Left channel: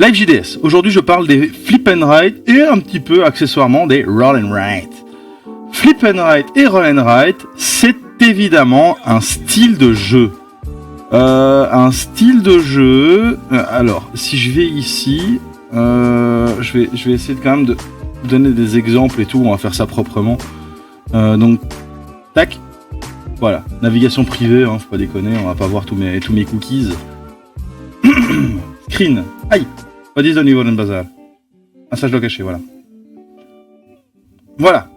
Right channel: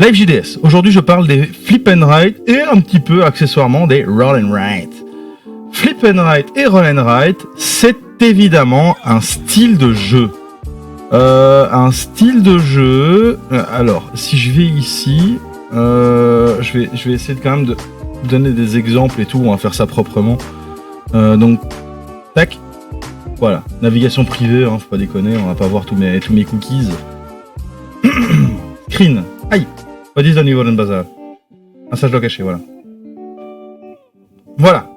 Live JDS. Aujourd'hui, je parle des flip and write et un petit peu accessoirement des roll and write. Flip and write et roll and write, c'est évidemment un style de jeu. Alors, si je vais ici, je vais essayer quand même de donner des exemples et tout. On va faire ça proprement. Donc, tac. Voilà, navigation privée, faut pas déconner, on va pas voir tous mes cookies. Screen. Aïe. What is the new Golden Bazaar? Ah, ça je dois cacher, voilà. Voilà.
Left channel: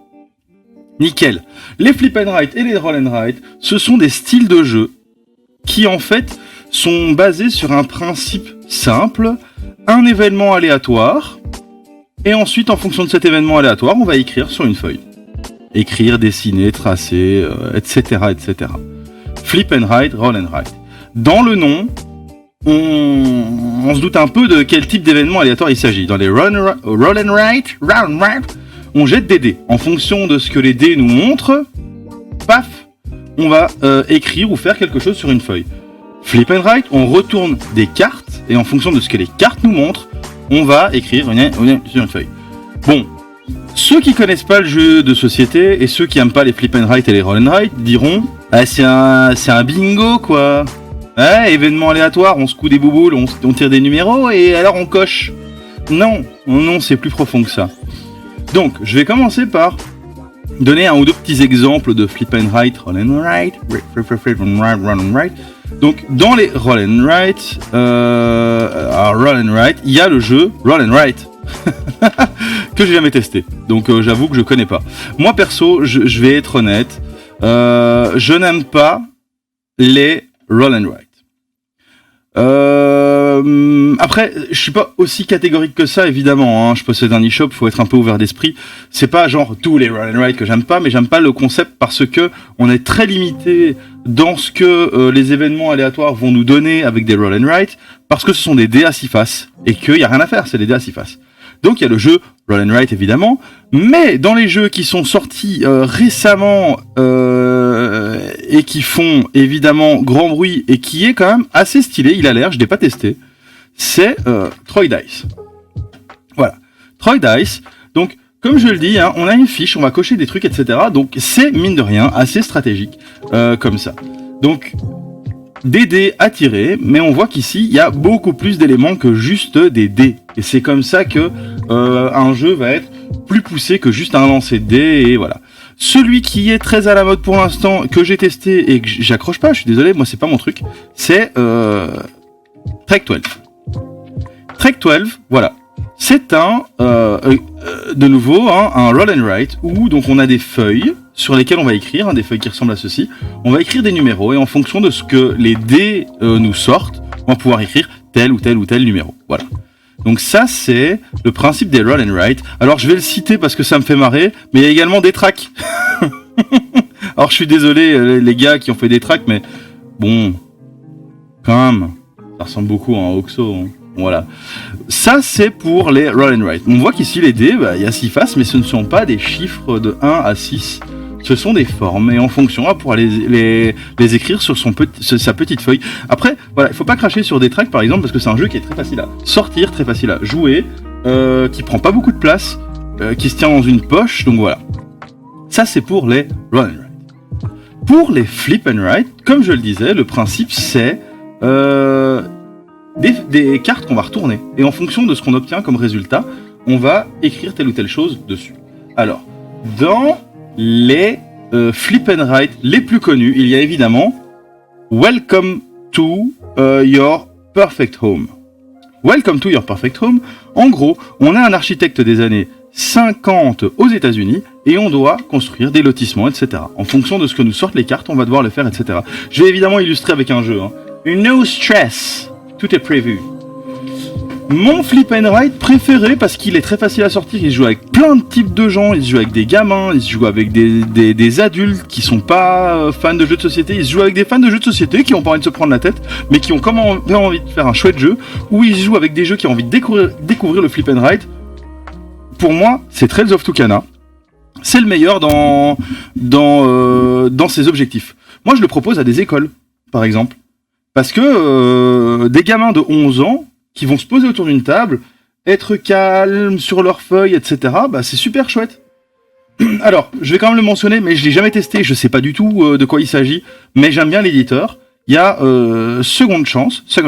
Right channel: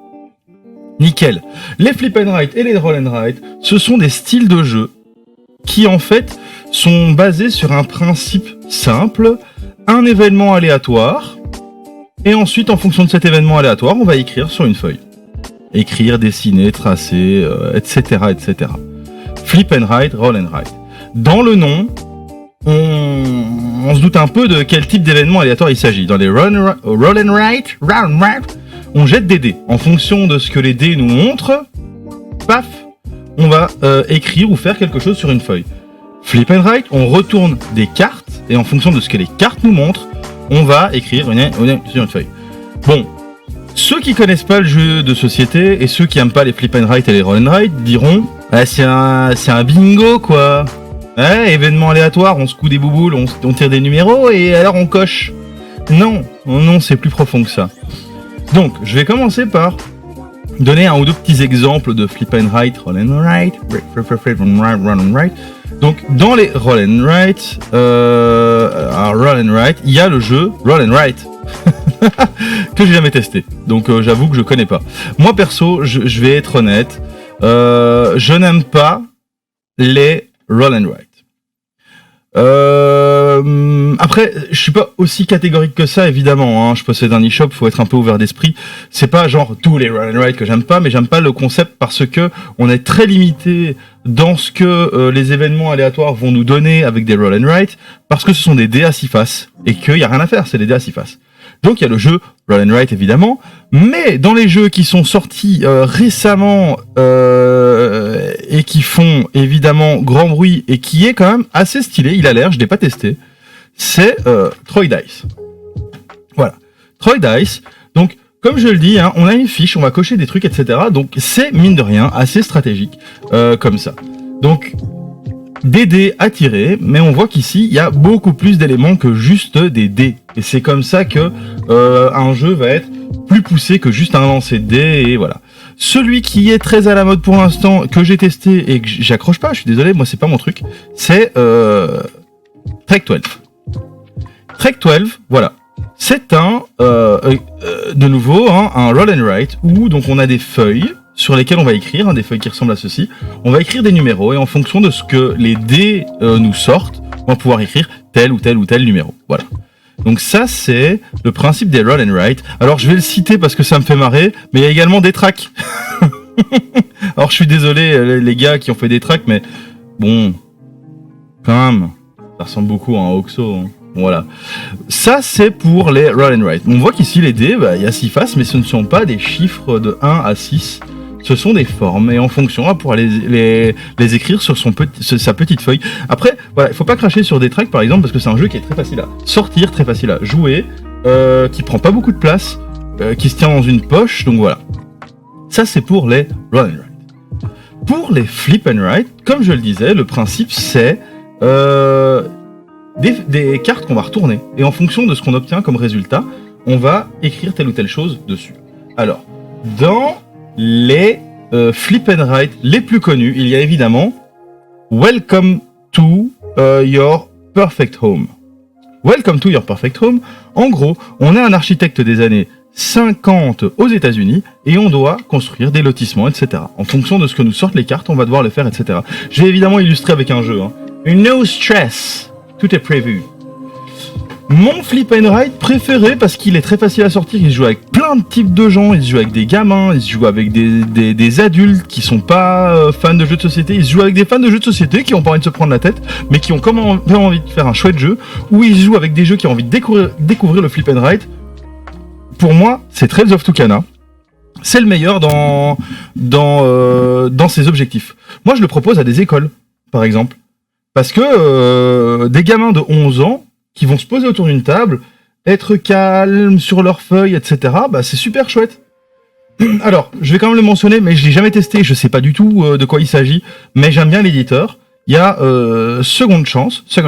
Nickel. Les flip and write et les roll and write, ce sont des styles de jeu qui en fait sont basés sur un principe simple, un événement aléatoire, et ensuite en fonction de cet événement aléatoire, on va écrire sur une feuille. Écrire, dessiner, tracer, etc., etc. Flip and write, roll and write. Dans le nom, on se doute un peu de quel type d'événement aléatoire il s'agit. Dans les roll and write, on jette des dés. En fonction de ce que les dés nous montrent, paf, on va écrire ou faire quelque chose sur une feuille. Flip and write, on retourne des cartes, et en fonction de ce que les cartes nous montrent, on va écrire sur une feuille. Bon. Ceux qui connaissent pas le jeu de société et ceux qui aiment pas les flip and write et les roll and write diront c'est un bingo quoi. Événement aléatoire, on secoue des bouboules, on tire des numéros et alors on coche. Non, c'est plus profond que ça. Donc, je vais commencer par donner un ou deux petits exemples de flip and write, roll and write, roll and write. Donc, dans les roll and write, il y a le jeu roll and write. que j'ai jamais testé, donc j'avoue que je connais pas. Moi perso, je vais être honnête, je n'aime pas les roll and write. Après, je suis pas aussi catégorique que ça, évidemment. Je possède un e-shop, faut être un peu ouvert d'esprit. C'est pas genre tous les roll and write que j'aime pas, mais j'aime pas le concept parce que on est très limité dans ce que les événements aléatoires vont nous donner avec des roll and write, parce que ce sont des dés à 6 faces et qu'il y a rien à faire, c'est des dés à 6 faces. Donc il y a le jeu roll and write évidemment, mais dans les jeux qui sont sortis récemment et qui font évidemment grand bruit et qui est quand même assez stylé, il a l'air, je l'ai pas testé, c'est Troy Dice. Voilà, Troy Dice. Donc comme je le dis, on a une fiche, on va cocher des trucs, etc. Donc c'est mine de rien assez stratégique comme ça. Donc des dés à tirer, mais on voit qu'ici il y a beaucoup plus d'éléments que juste des dés. Et c'est comme ça que un jeu va être plus poussé que juste un lancer de dés, et voilà. Celui qui est très à la mode pour l'instant, que j'ai testé et que j'accroche pas, je suis désolé, moi c'est pas mon truc, c'est Trek 12. Trek 12, voilà. C'est de nouveau un roll and write où donc on a des feuilles sur lesquelles on va écrire, des feuilles qui ressemblent à ceci. On va écrire des numéros et en fonction de ce que les dés nous sortent, on va pouvoir écrire tel ou tel ou tel numéro. Voilà. Donc ça, c'est le principe des roll and write. Alors je vais le citer parce que ça me fait marrer, mais il y a également des tracks. Alors je suis désolé les gars qui ont fait des tracks, mais bon, quand même, ça ressemble beaucoup à un Oxo. Voilà. Ça, c'est pour les roll and write. On voit qu'ici, les dés, il y a 6 faces, mais ce ne sont pas des chiffres de 1 à 6. Ce sont des formes, et en fonction, on va pouvoir les écrire sur sa petite feuille. Après, voilà, il faut pas cracher sur des tracks, par exemple, parce que c'est un jeu qui est très facile à sortir, très facile à jouer, qui prend pas beaucoup de place, qui se tient dans une poche, donc voilà. Ça, c'est pour les roll and write. Pour les flip and write, comme je le disais, le principe, c'est des cartes qu'on va retourner. Et en fonction de ce qu'on obtient comme résultat, on va écrire telle ou telle chose dessus. Alors, dans les flip and write les plus connus, il y a évidemment Welcome to Your Perfect Home. Welcome to Your Perfect Home. En gros, on est un architecte des années 50 aux États-Unis et on doit construire des lotissements, etc. En fonction de ce que nous sortent les cartes, on va devoir le faire, etc. Je vais évidemment illustrer avec un jeu. No stress. Tout est prévu. Mon flip and write préféré, parce qu'il est très facile à sortir, il se joue avec plein de types de gens, il se joue avec des gamins, il se joue avec des adultes qui sont pas fans de jeux de société, il se joue avec des fans de jeux de société qui ont pas envie de se prendre la tête, mais qui ont quand même envie de faire un chouette jeu, ou il se joue avec des jeux qui ont envie de découvrir le flip and write. Pour moi, c'est Trails of Tucana. C'est le meilleur dans ses objectifs. Moi, je le propose à des écoles, par exemple. Parce que des gamins de 11 ans qui vont se poser autour d'une table, être calmes sur leurs feuilles, etc. Bah, c'est super chouette. Alors, je vais quand même le mentionner, mais je l'ai jamais testé, je sais pas du tout de quoi il s'agit, mais j'aime bien l'éditeur. Il y a Second Chance. Je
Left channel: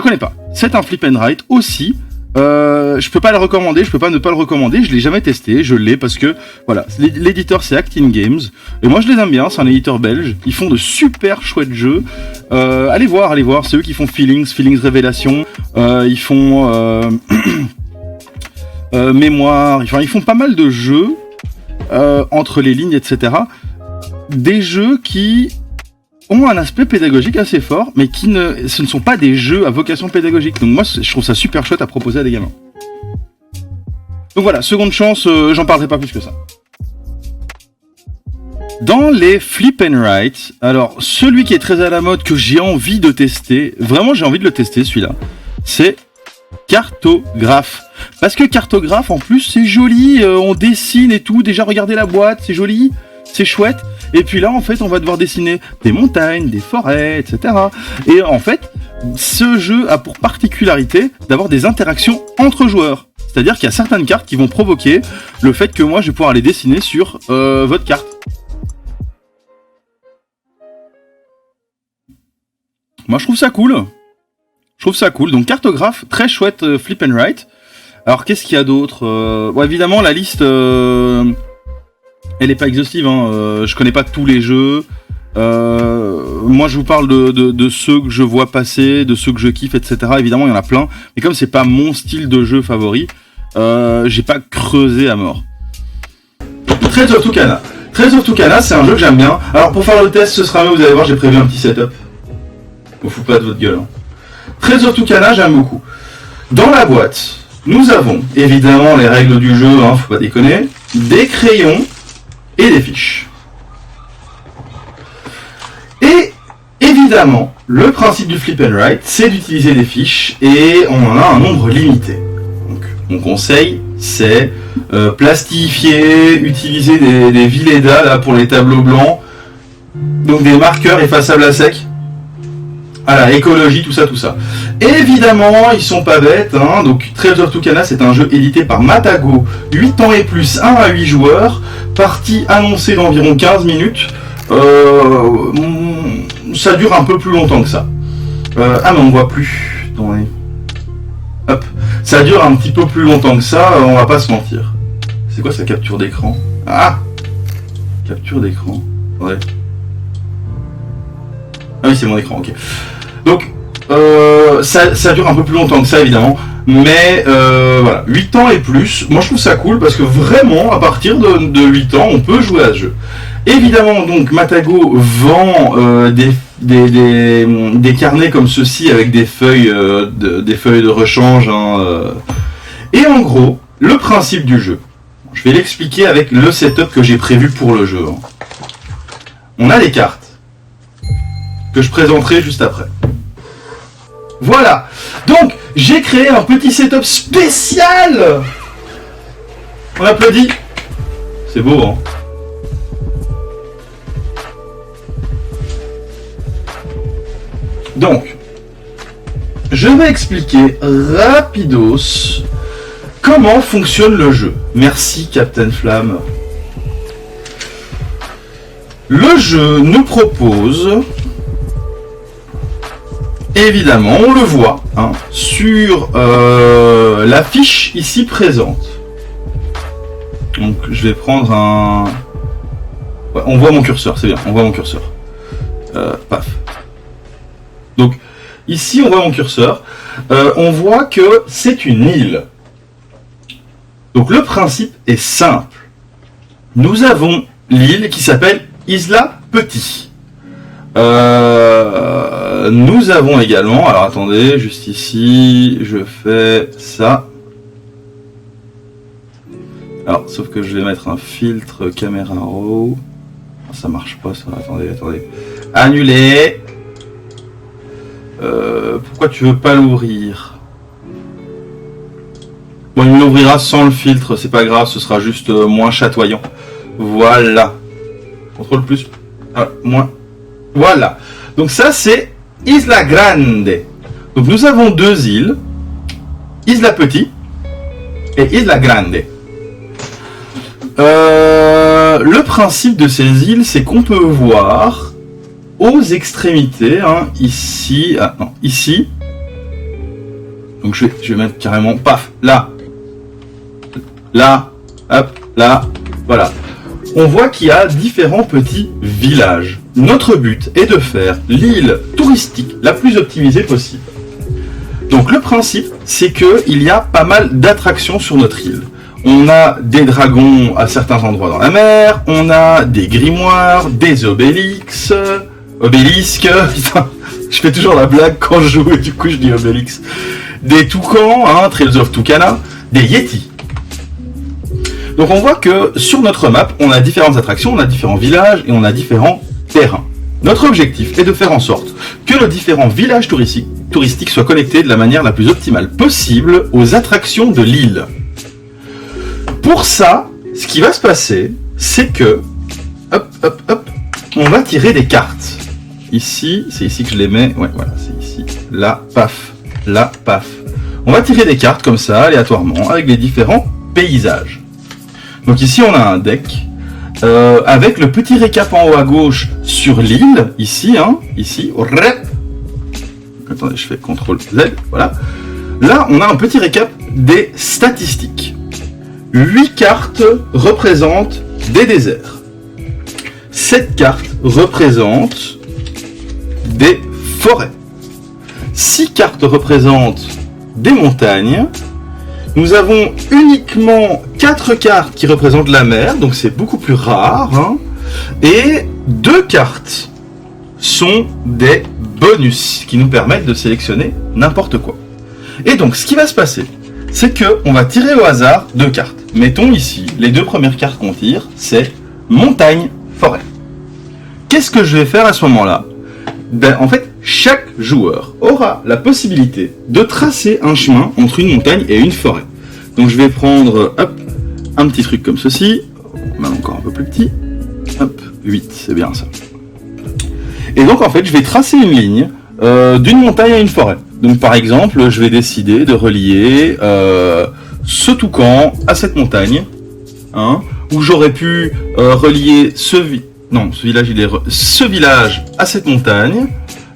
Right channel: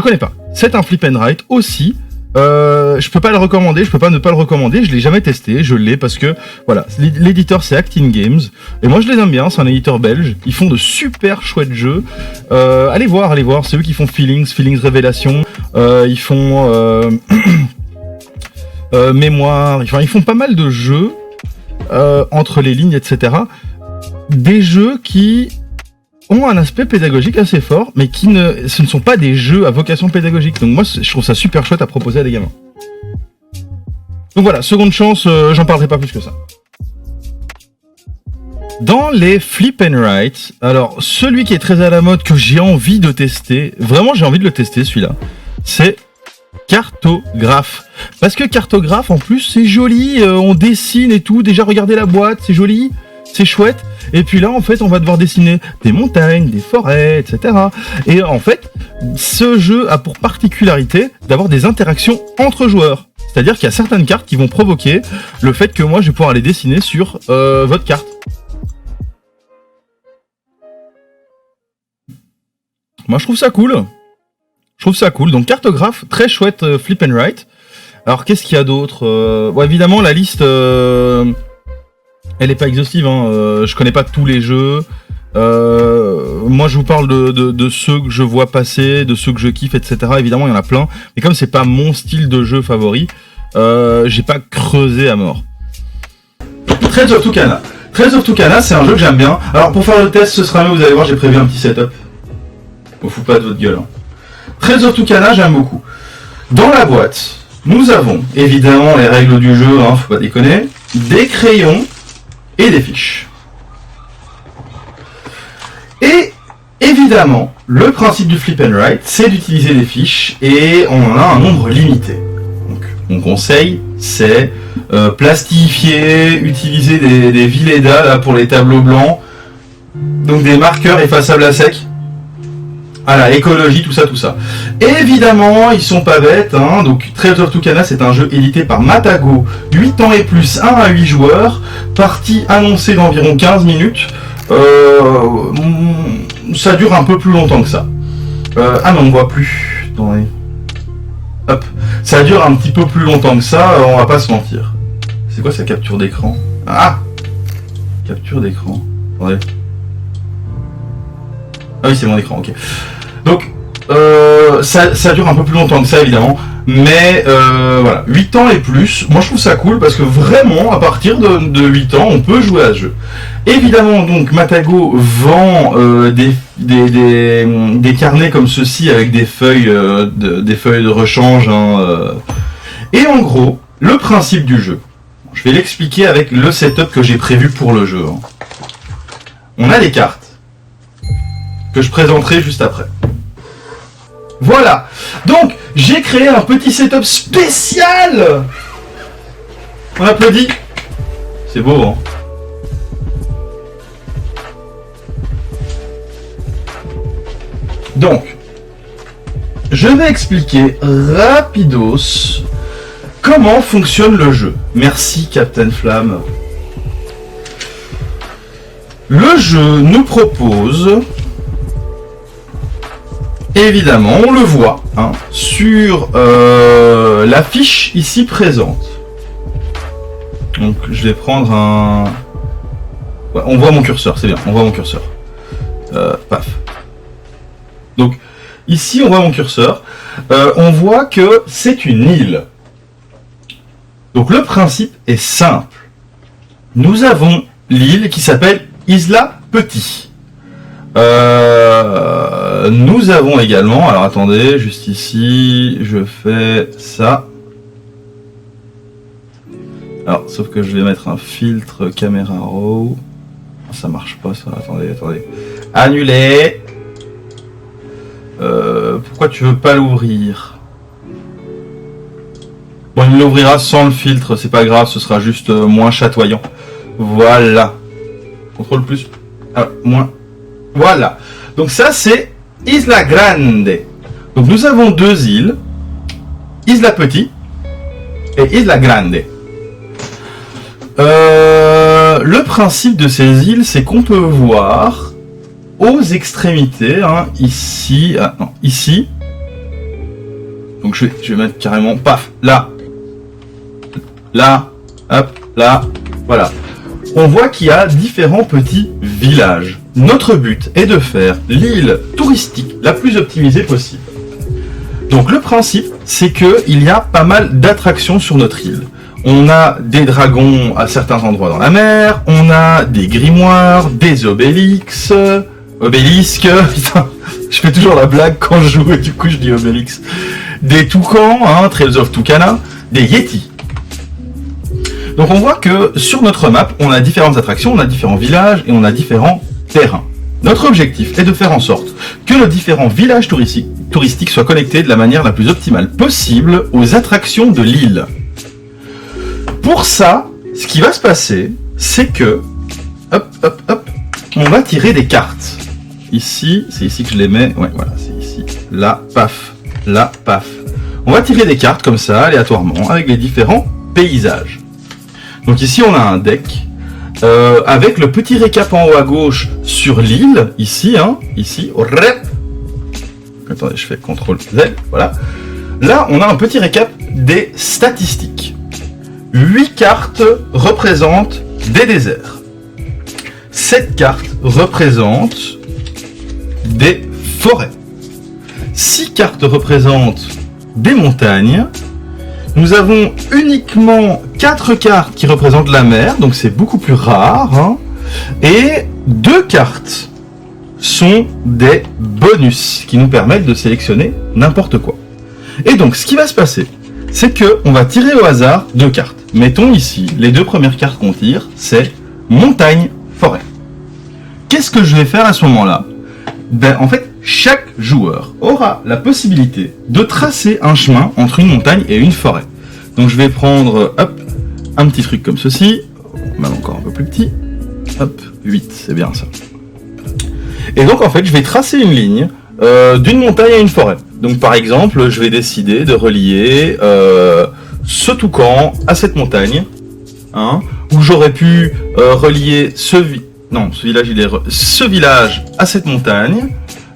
connais pas. C'est un flip and write aussi. Je peux pas le recommander, je peux pas ne pas le recommander, je l'ai jamais testé, je l'ai parce que voilà, l'éditeur c'est Actin Games et moi je les aime bien, c'est un éditeur belge, ils font de super chouettes jeux. Allez voir, c'est eux qui font Feelings Révélation, ils font Mémoire, enfin ils font pas mal de jeux entre les lignes, etc. Des jeux qui ont un aspect pédagogique assez fort, mais ce ne sont pas des jeux à vocation pédagogique. Donc moi, je trouve ça super chouette à proposer à des gamins. Donc voilà, Seconde Chance, j'en parlerai pas plus que ça. Dans les flip and write, alors celui qui est très à la mode, que j'ai envie de tester, vraiment j'ai envie de le tester celui-là, c'est Cartographe. Parce que Cartographe, en plus, c'est joli, on dessine et tout, déjà regardez la boîte, c'est joli. C'est chouette. Et puis là, en fait, on va devoir dessiner des montagnes, des forêts, etc. Et en fait, ce jeu a pour particularité d'avoir des interactions entre joueurs. C'est-à-dire qu'il y a certaines cartes qui vont provoquer le fait que moi, je vais pouvoir les dessiner sur votre carte. Moi, je trouve ça cool. Donc, Cartographe, très chouette flip and write. Alors, qu'est-ce qu'il y a d'autre bon, évidemment, la liste... elle est pas exhaustive, hein. Je connais pas tous les jeux. Moi, je vous parle de ceux que je vois passer, de ceux que je kiffe, etc. Évidemment, il y en a plein. Mais comme c'est pas mon style de jeu favori, j'ai pas creusé à mort. Trades of Tucana. Trades of Tucana, c'est un jeu que j'aime bien. Alors, pour faire le test, ce sera mieux, vous allez voir, j'ai prévu un petit setup. On fout pas de votre gueule. Hein. Trades of Tucana, j'aime beaucoup. Dans la boîte, nous avons, évidemment, les règles du jeu, hein, faut pas déconner, des crayons, et des fiches. Et évidemment, le principe du flip and write, c'est d'utiliser des fiches et on en a un nombre limité. Donc, mon conseil, c'est plastifier, utiliser des Villeda là, pour les tableaux blancs, donc des marqueurs effaçables à sec. Voilà, écologie, tout ça. Évidemment, ils sont pas bêtes, hein. Donc Trades of Tucana, c'est un jeu édité par Matago, 8 ans et plus, 1 à 8 joueurs, partie annoncée d'environ 15 minutes. Ça dure un peu plus longtemps que ça. Mais on voit plus dans les... Hop, ça dure un petit peu plus longtemps que ça, on va pas se mentir. C'est quoi sa capture d'écran? Ah, capture d'écran. Attendez. Ah oui, c'est mon écran, ok. Donc, ça dure un peu plus longtemps que ça, évidemment. Mais, voilà, 8 ans et plus, moi je trouve ça cool, parce que vraiment, à partir de 8 ans, on peut jouer à ce jeu. Évidemment, donc, Matago vend des carnets comme ceci, avec des feuilles de rechange. Hein, Et en gros, le principe du jeu, je vais l'expliquer avec le setup que j'ai prévu pour le jeu. Hein. On a des cartes que je présenterai juste après. Voilà. Donc, j'ai créé un petit setup spécial. On applaudit. C'est beau, hein. Donc, je vais expliquer rapidos comment fonctionne le jeu. Merci, Captain Flamme. Le jeu nous propose... Évidemment, on le voit hein, sur la fiche ici présente. Donc, je vais prendre un... Ouais, on voit mon curseur, c'est bien, on voit mon curseur. Paf. Donc, ici, on voit mon curseur. On voit que c'est une île. Donc, le principe est simple. Nous avons l'île qui s'appelle Isla Petit. Nous avons également, alors attendez, juste ici, je fais ça. Alors, sauf que je vais mettre un filtre caméra raw. Ça marche pas ça, attendez. Annuler. Pourquoi tu veux pas l'ouvrir? Bon, il l'ouvrira sans le filtre, c'est pas grave, ce sera juste moins chatoyant. Voilà. Contrôle plus. Moins. Voilà. Donc ça c'est Isla Grande. Donc nous avons deux îles, Isla Petit et Isla Grande. Le principe de ces îles, c'est qu'on peut voir aux extrémités, hein, ici, ici. Donc je vais mettre carrément, paf, là, hop, là, voilà. On voit qu'il y a différents petits villages. Notre but est de faire l'île touristique la plus optimisée possible. Donc le principe, c'est qu'il y a pas mal d'attractions sur notre île. On a des dragons à certains endroits dans la mer, on a des grimoires, des obélisques, putain, je fais toujours la blague quand je joue et du coup je dis obélix. Des toucans, hein, Trails of Tucana, des yétis. Donc on voit que sur notre map, on a différentes attractions, on a différents villages et on a différents terrains. Notre objectif est de faire en sorte que nos différents villages touristiques soient connectés de la manière la plus optimale possible aux attractions de l'île. Pour ça, ce qui va se passer, c'est que, on va tirer des cartes. Ici, c'est ici que je les mets, ouais, voilà, c'est ici. Là, paf, là, paf. On va tirer des cartes comme ça, aléatoirement, avec les différents paysages. Donc ici, on a un deck, avec le petit récap en haut à gauche sur l'île, ici, hein, ici, attendez, je fais CTRL Z, voilà. Là, on a un petit récap des statistiques. 8 cartes représentent des déserts. 7 cartes représentent des forêts. 6 cartes représentent des montagnes. Nous avons uniquement 4 cartes qui représentent la mer, donc c'est beaucoup plus rare. Hein. Et 2 cartes sont des bonus qui nous permettent de sélectionner n'importe quoi. Et donc, ce qui va se passer, c'est que on va tirer au hasard 2 cartes. Mettons ici, les 2 premières cartes qu'on tire, c'est montagne, forêt. Qu'est-ce que je vais faire à ce moment-là ? Ben, en fait, chaque joueur aura la possibilité de tracer un chemin entre une montagne et une forêt. Donc je vais prendre, hop, un petit truc comme ceci, même encore un peu plus petit, hop, 8, c'est bien ça. Et donc en fait, je vais tracer une ligne d'une montagne à une forêt. Donc par exemple, je vais décider de relier ce toucan à cette montagne, hein, où j'aurais pu relier ce village à cette montagne.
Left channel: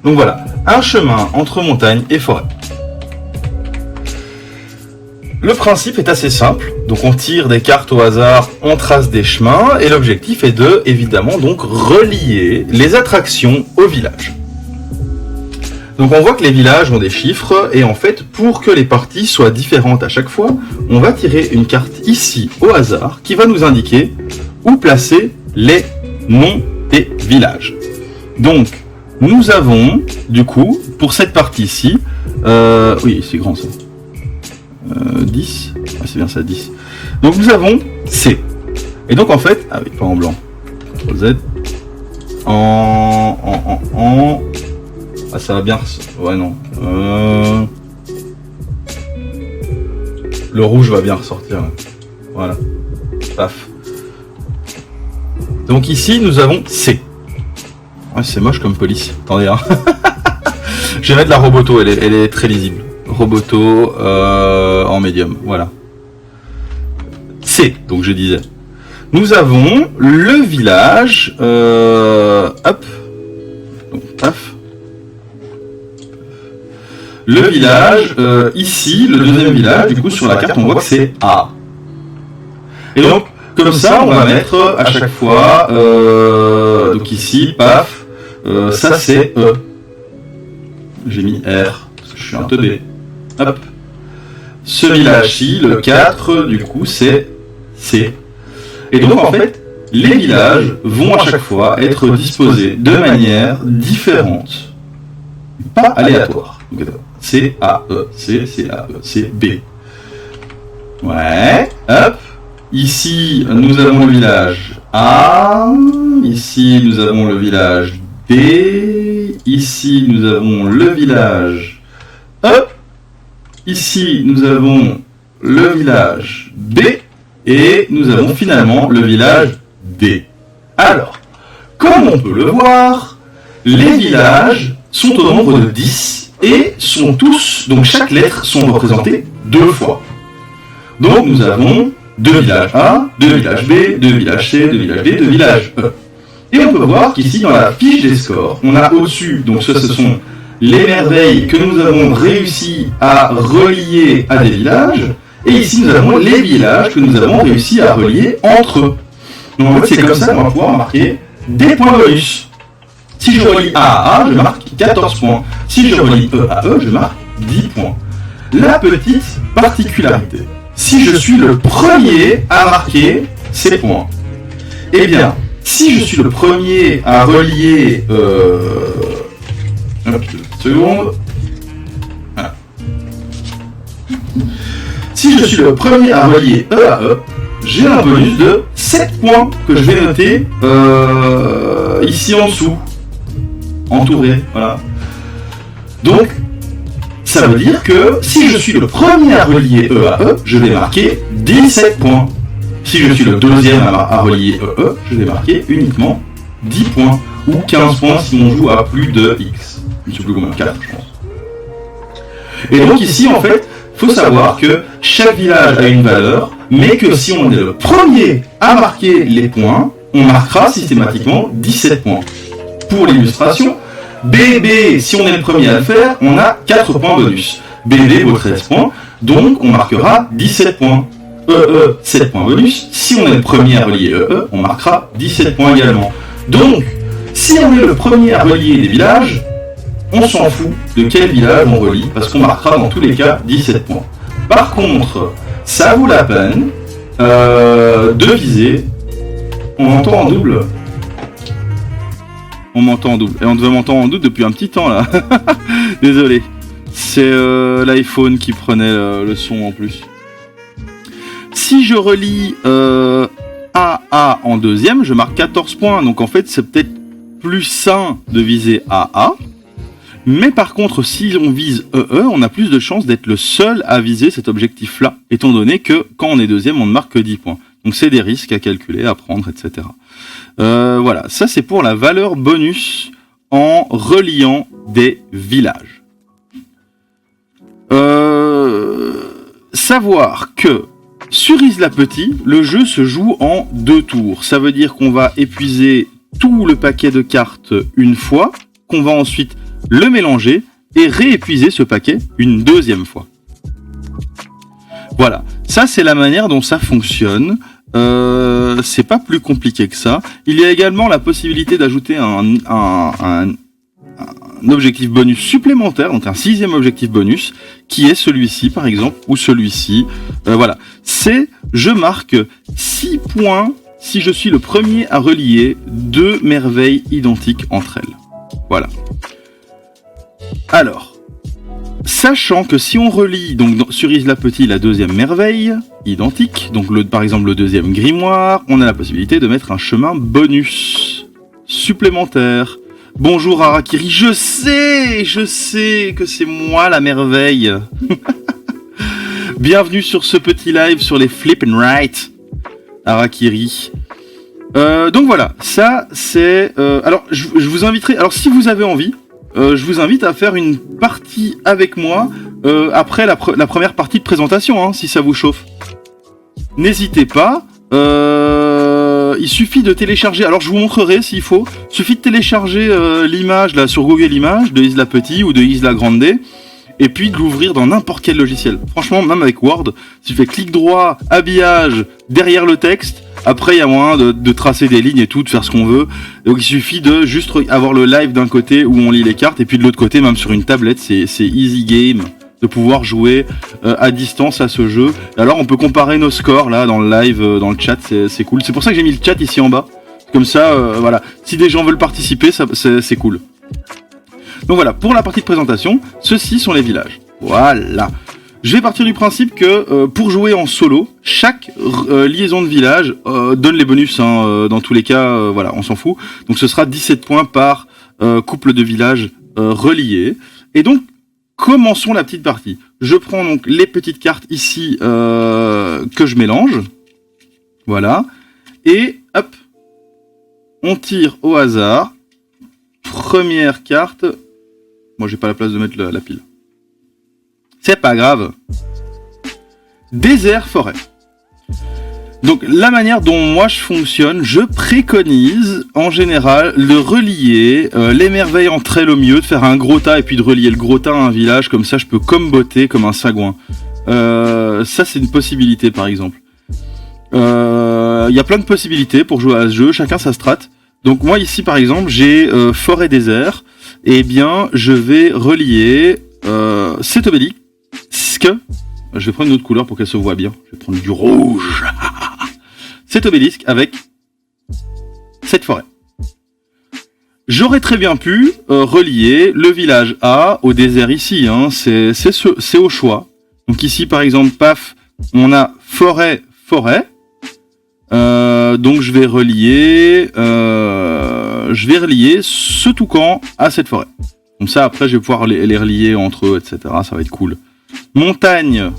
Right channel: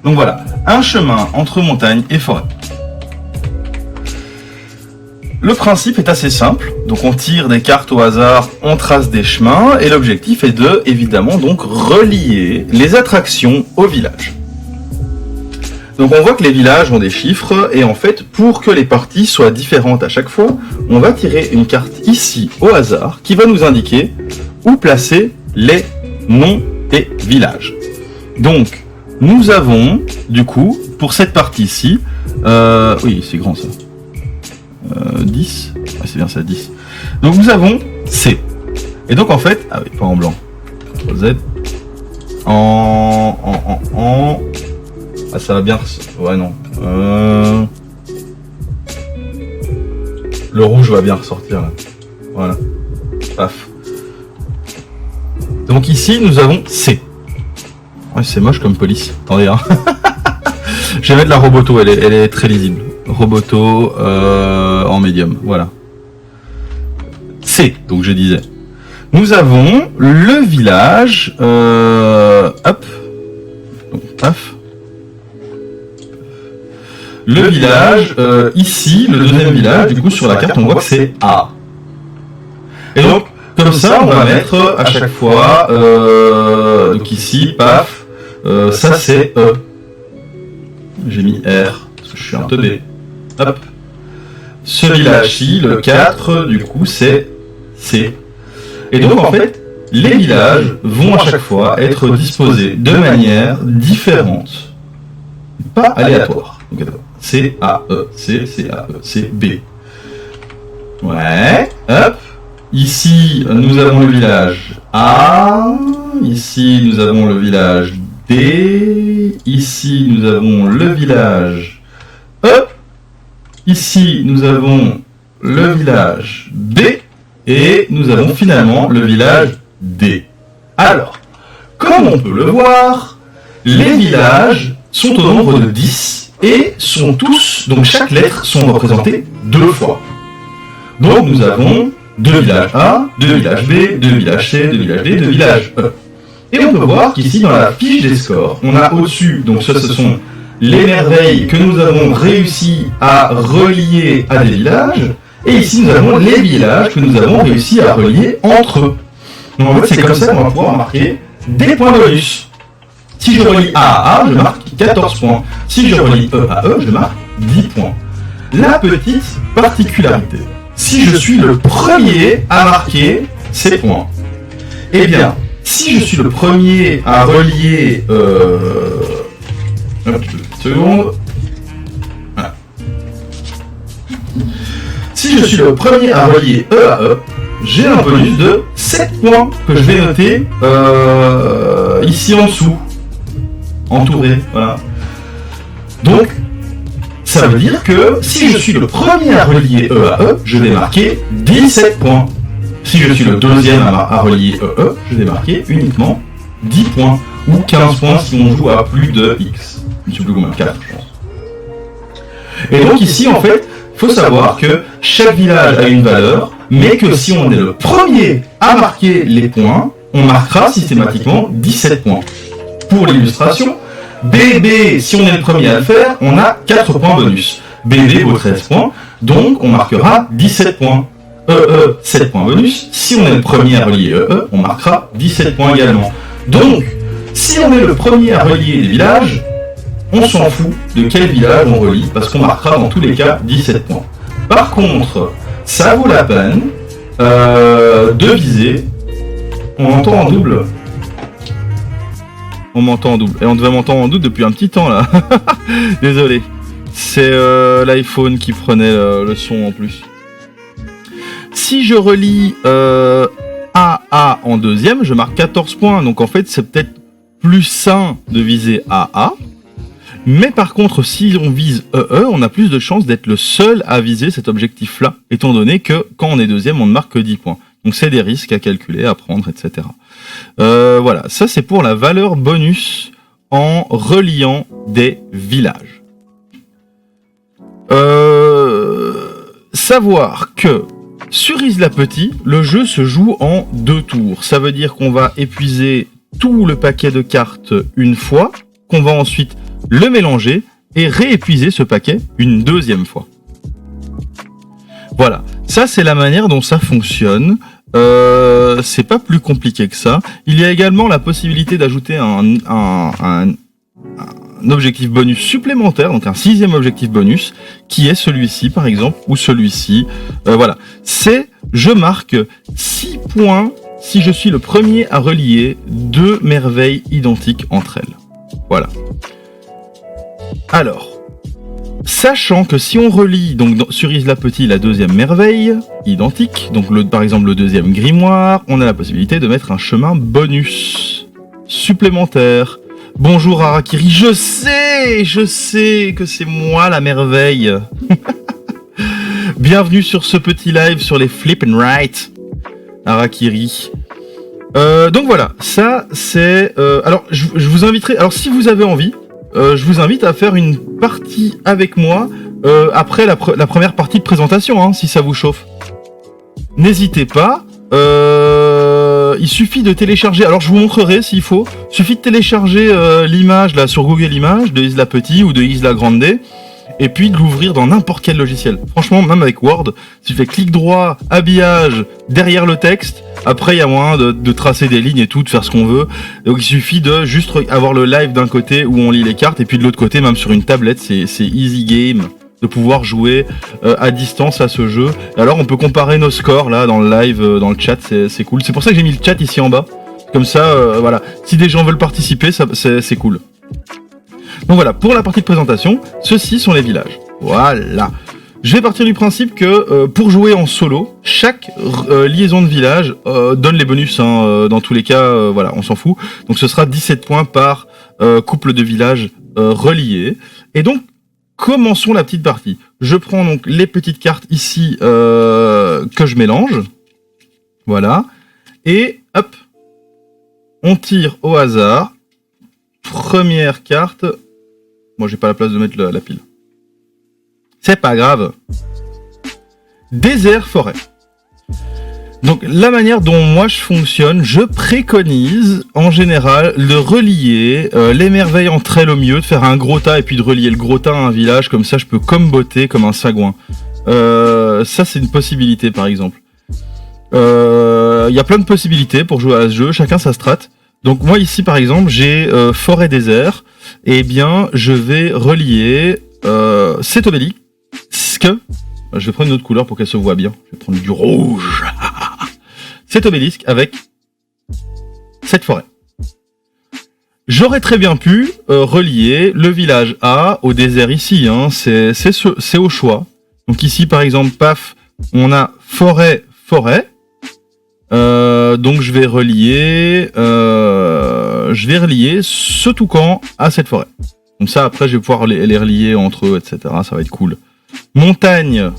Donc voilà, un chemin entre montagne et forêt. Le principe est assez simple, donc on tire des cartes au hasard, on trace des chemins, et l'objectif est de, évidemment, donc relier les attractions au village. Donc on voit que les villages ont des chiffres, et en fait, pour que les parties soient différentes à chaque fois, on va tirer une carte ici au hasard, qui va nous indiquer où placer les noms des villages. Donc, nous avons, du coup, pour cette partie-ci, oui, c'est grand ça, 10, ah, c'est bien ça, 10. Donc nous avons C. Et donc en fait, ah oui, pas en blanc, Z, ah ça va bien, ouais non, le rouge va bien ressortir là, voilà, paf. Donc ici nous avons C. Ouais, c'est moche comme police, attendez hein. Je vais mettre la Roboto, elle est très lisible. Roboto en médium, voilà. C, donc je disais. Nous avons le village, hop, donc, paf. Le village, ici, le deuxième village, du coup sur la carte on voit que c'est A. Et donc, comme ça on va mettre à chaque fois, donc ici, paf, ça c'est E. J'ai mis R, parce que je suis un teubé. Hop. Ce village-ci, le 4, du coup, c'est C. Et donc, en fait, les villages vont à chaque fois être disposés de manière différente. Pas aléatoire. C, A, E, C, C, A, E, C, B. Ouais. Hop. Ici, nous avons le village A. Ici, nous avons le village D. Ici, nous avons le village E. Ici, nous avons le village B. Et nous avons finalement le village D. Alors, comme on peut le voir, les villages sont au nombre de 10 et sont tous, donc chaque lettre sont représentées 2 fois. Donc nous avons 2 villages A, 2 villages B, 2 villages C, 2 villages D, 2 villages E. Et on peut voir qu'ici dans la fiche des scores, on a au-dessus, donc ce sont les merveilles que nous avons réussi à relier à des villages, et ici nous avons les villages que nous avons réussi à relier entre eux. Donc en fait c'est comme ça qu'on va pouvoir marquer des points bonus. Si je relie A à A, je marque 14 points. Si je relie E à E, je marque 10 points. La petite particularité, si je suis le premier à marquer ces points, eh bien, si je suis le premier à relier... Hop, 2 secondes. Voilà. Si je suis le premier à relier E à E, j'ai un bonus de 7 points que je vais noter ici en dessous. Entouré, voilà. Donc, ça veut dire que si je suis le premier à relier E à E, je vais marquer 17 points. Si je suis le deuxième à relier E, je vais marquer uniquement 10 points. Ou 15 points si on joue à plus de X. Je ne sais plus combien, 4 je pense. Et donc ici, en fait, il faut savoir que chaque village a une valeur, mais que si on est le premier à marquer les points, on marquera systématiquement 17 points. Pour l'illustration, BB, si on est le premier à le faire, on a 4 points bonus. BB vaut 13 points, donc on marquera 17 points. EE, 7 points bonus. Si on est le premier à relier EE, on marquera 17 points également. Donc, si on est le premier à relier des villages, on s'en fout de quel village on relie, parce qu'on marquera dans tous les cas 17 points. Par contre, ça vaut la peine de viser. On m'entend en double. On m'entend en double. Et on devait m'entendre en double depuis un petit temps là. Désolé. C'est l'iPhone qui prenait le son en plus. Si je relie AA en deuxième, je marque 14 points. Donc en fait, c'est peut-être plus sain de viser AA. Mais par contre, si on vise EE, on a plus de chances d'être le seul à viser cet objectif-là, étant donné que quand on est deuxième, on ne marque que 10 points. Donc c'est des risques à calculer, à prendre, etc. Voilà, ça c'est pour la valeur bonus en reliant des villages. Savoir que sur Isla Petit, le jeu se joue en 2 tours. Ça veut dire qu'on va épuiser tout le paquet de cartes une fois, qu'on va ensuite le mélanger et réépuiser ce paquet une deuxième fois. Voilà, ça c'est la manière dont ça fonctionne. C'est pas plus compliqué que ça. Il y a également la possibilité d'ajouter un objectif bonus supplémentaire, donc un 6e objectif bonus, qui est celui-ci par exemple, ou celui-ci. Voilà, c'est je marque 6 points si je suis le premier à relier 2 merveilles identiques entre elles. Voilà. Alors, sachant que si on relie donc sur Isla Petit la 2e merveille identique, donc par exemple le 2e grimoire, on a la possibilité de mettre un chemin bonus supplémentaire. Bonjour Harakiri, je sais que c'est moi la merveille. Bienvenue sur ce petit live sur les Flip and Write, Harakiri. Donc voilà, ça c'est... alors je vous inviterai, alors si vous avez envie, je vous invite à faire une partie avec moi après la première partie de présentation, hein, si ça vous chauffe. N'hésitez pas, il suffit de télécharger, alors je vous montrerai s'il faut, il suffit de télécharger l'image là sur Google Images de Isla Petit ou de Isla Grande, et puis de l'ouvrir dans n'importe quel logiciel. Franchement, même avec Word, si tu fais clic droit, habillage, derrière le texte, après il y a moyen de tracer des lignes et tout, de faire ce qu'on veut. Donc il suffit de juste avoir le live d'un côté où on lit les cartes, et puis de l'autre côté, même sur une tablette, c'est easy game de pouvoir jouer à distance à ce jeu. Et alors on peut comparer nos scores là dans le live, dans le chat, c'est cool. C'est pour ça que j'ai mis le chat ici en bas. Comme ça, voilà, si des gens veulent participer, c'est cool. Donc voilà, pour la partie de présentation, ceux-ci sont les villages. Voilà. Je vais partir du principe que pour jouer en solo, chaque liaison de village donne les bonus, hein, dans tous les cas, voilà, on s'en fout. Donc ce sera 17 points par couple de villages reliés. Et donc, commençons la petite partie. Je prends donc les petites cartes ici que je mélange. Voilà. Et hop, on tire au hasard. Première carte. Moi, j'ai pas la place de mettre la pile. C'est pas grave. Désert, forêt. Donc, la manière dont moi je fonctionne, je préconise, en général, de relier les merveilles entre elles au milieu, de faire un gros tas et puis de relier le gros tas à un village. Comme ça, je peux comboter comme un sagouin. Ça, c'est une possibilité, par exemple. Il y a plein de possibilités pour jouer à ce jeu, chacun sa strat. Donc moi ici par exemple j'ai forêt désert, et bien je vais relier cet obélisque. Je vais prendre une autre couleur pour qu'elle se voit bien. Je vais prendre du rouge. Cet obélisque avec cette forêt. J'aurais très bien pu relier le village A au désert ici. Hein. C'est au choix. Donc ici par exemple, paf, on a forêt. Donc je vais relier ce toucan à cette forêt. Comme ça après je vais pouvoir les relier entre eux, etc. Ça va être cool. Montagne.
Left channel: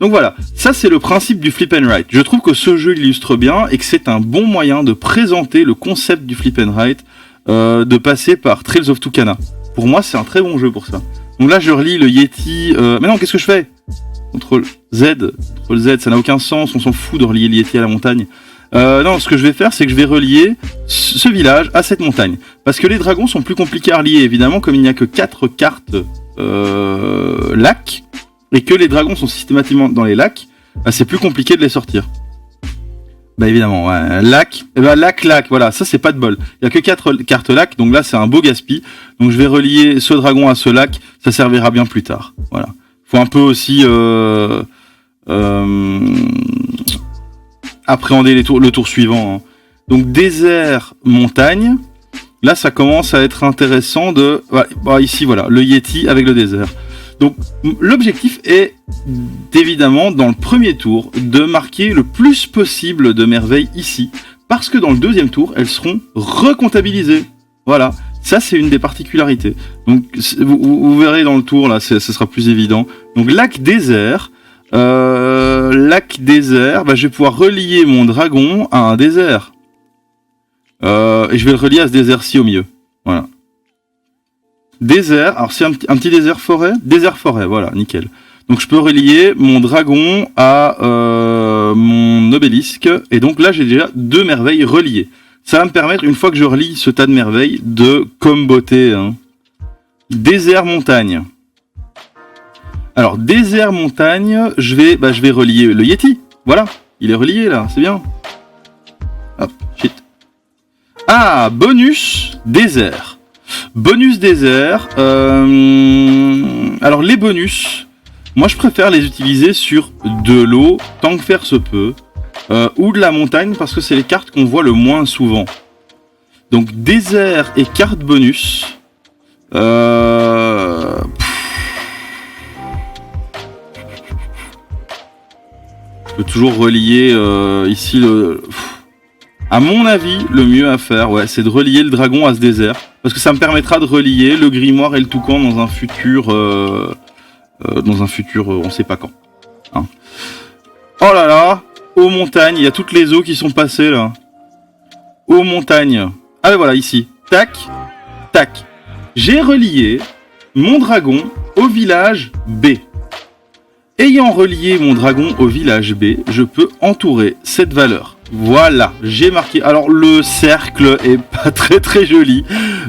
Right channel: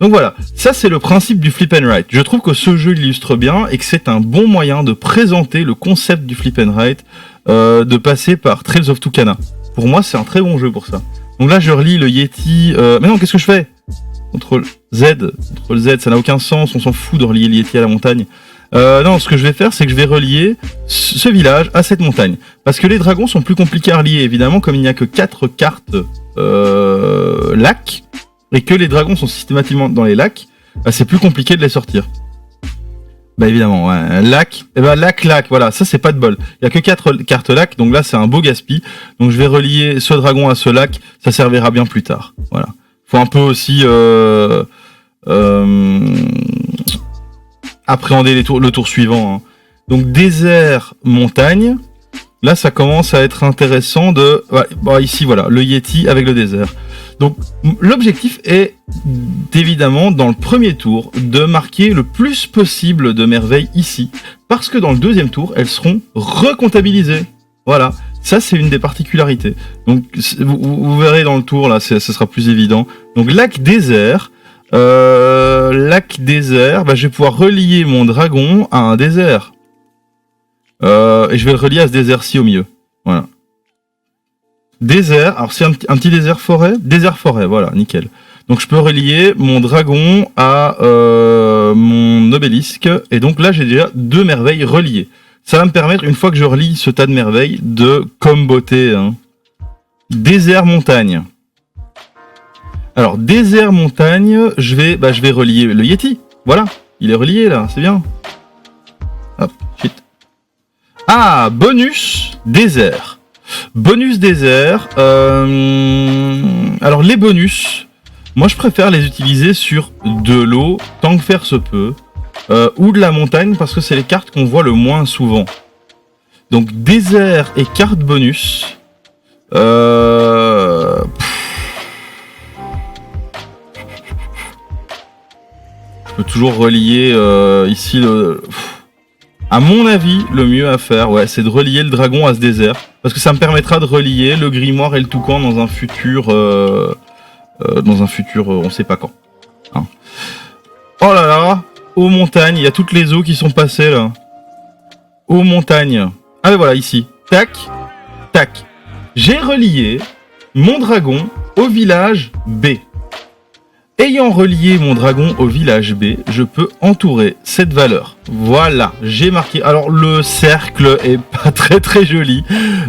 Donc voilà, ça c'est le principe du flip and write. Je trouve que ce jeu illustre bien et que c'est un bon moyen de présenter le concept du flip and write, de passer par Trails of Tucana. Pour moi c'est un très bon jeu pour ça. Donc là je relie le Yeti. Mais non, qu'est-ce que je fais ? Contrôle Z, ça n'a aucun sens, on s'en fout de relier le Yeti à la montagne. Non, ce que je vais faire, c'est que je vais relier ce village à cette montagne. Parce que les dragons sont plus compliqués à relier, évidemment, comme il n'y a que 4 cartes lacs, et que les dragons sont systématiquement dans les lacs, bah, c'est plus compliqué de les sortir. Bah évidemment, ouais. Lac, voilà, ça c'est pas de bol. Il y a que 4 cartes lacs, donc là c'est un beau gaspille. Donc je vais relier ce dragon à ce lac, ça servira bien plus tard. Voilà. Faut un peu aussi appréhender le tour suivant. Hein. Donc désert, montagne. Là, ça commence à être intéressant de... Bah, ici, voilà, le Yeti avec le désert. Donc l'objectif est évidemment, dans le premier tour, de marquer le plus possible de merveilles ici. Parce que dans le deuxième tour, elles seront recomptabilisées. Voilà. Ça, c'est une des particularités. Donc, vous verrez dans le tour, là, ce sera plus évident. Donc, lac désert, bah, je vais pouvoir relier mon dragon à un désert. Et je vais le relier à ce désert-ci au milieu. Voilà. Désert, alors c'est un petit désert forêt. Désert forêt, voilà, nickel. Donc, je peux relier mon dragon à mon obélisque. Et donc, là, j'ai déjà 2 merveilles reliées. Ça va me permettre, une fois que je relie ce tas de merveilles, de comboter. Hein. Désert montagne. Alors, désert montagne, je vais relier le Yeti. Voilà, il est relié là, c'est bien. Hop, shit. Ah, bonus désert. Bonus désert. Alors, les bonus, moi je préfère les utiliser sur de l'eau, tant que faire se peut. Ou de la montagne, parce que c'est les cartes qu'on voit le moins souvent. Donc désert et carte bonus. Je peux toujours relier ici le... À mon avis, le mieux à faire, ouais, c'est de relier le dragon à ce désert. Parce que ça me permettra de relier le grimoire et le toucan dans un futur... on sait pas quand. Hein. Oh là là, aux montagnes, il y a toutes les eaux qui sont passées là. Aux montagnes. Ah ben voilà, ici. Tac, tac. J'ai relié mon dragon au village B. Ayant relié mon dragon au village B, je peux entourer cette valeur. Voilà, j'ai marqué. Alors le cercle est pas très très joli,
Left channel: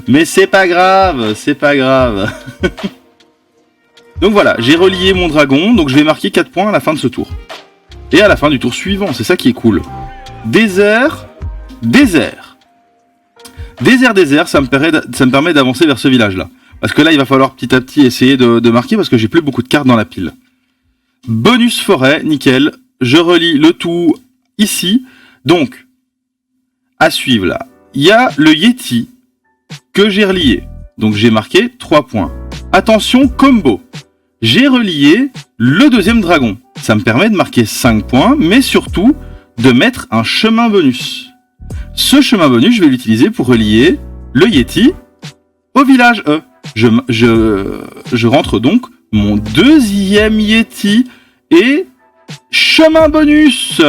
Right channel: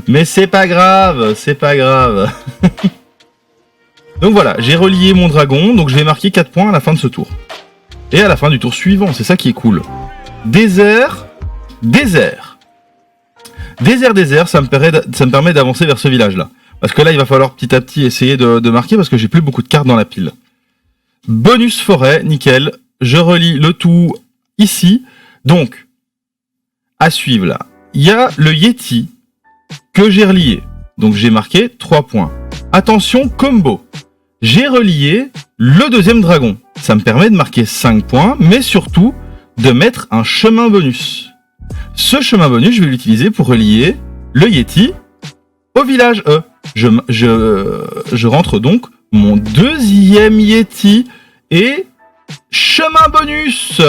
mais c'est pas grave, c'est pas grave. Donc voilà, j'ai relié mon dragon, donc je vais marquer 4 points à la fin de ce tour. Et à la fin du tour suivant, c'est ça qui est cool. Désert, désert. Désert, ça me permet d'avancer vers ce village-là. Parce que là, il va falloir petit à petit essayer de marquer, parce que j'ai plus beaucoup de cartes dans la pile. Bonus forêt, nickel. Je relie le tout ici. Donc, à suivre là. Il y a le Yeti que j'ai relié. Donc j'ai marqué 3 points. Attention, combo. J'ai relié le deuxième dragon. Ça me permet de marquer 5 points, mais surtout de mettre un chemin bonus. Ce chemin bonus, je vais l'utiliser pour relier le Yeti au village E. Je rentre donc mon deuxième Yeti et chemin bonus.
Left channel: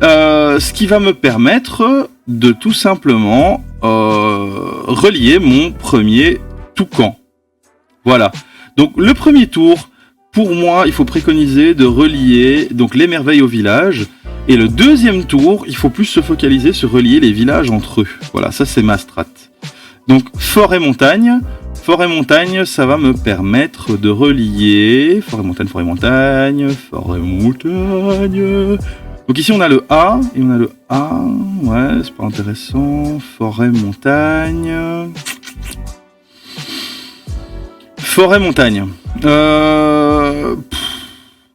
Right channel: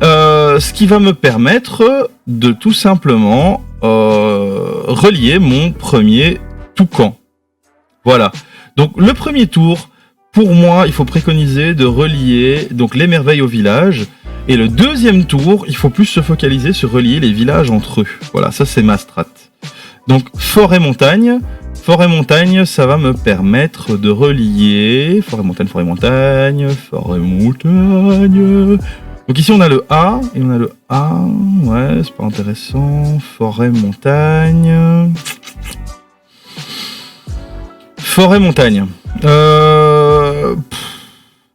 Ce qui va me permettre de tout simplement relier mon premier toucan. Voilà. Donc le premier tour, pour moi, il faut préconiser de relier donc les merveilles au village. Et le deuxième tour, il faut plus se focaliser sur relier les villages entre eux. Voilà, ça c'est ma strat. Donc forêt-montagne. Forêt-montagne, ça va me permettre de relier... Forêt-montagne. Donc ici on a le A, et on a le A... Ouais, c'est pas intéressant. Forêt-montagne... Forêt-montagne.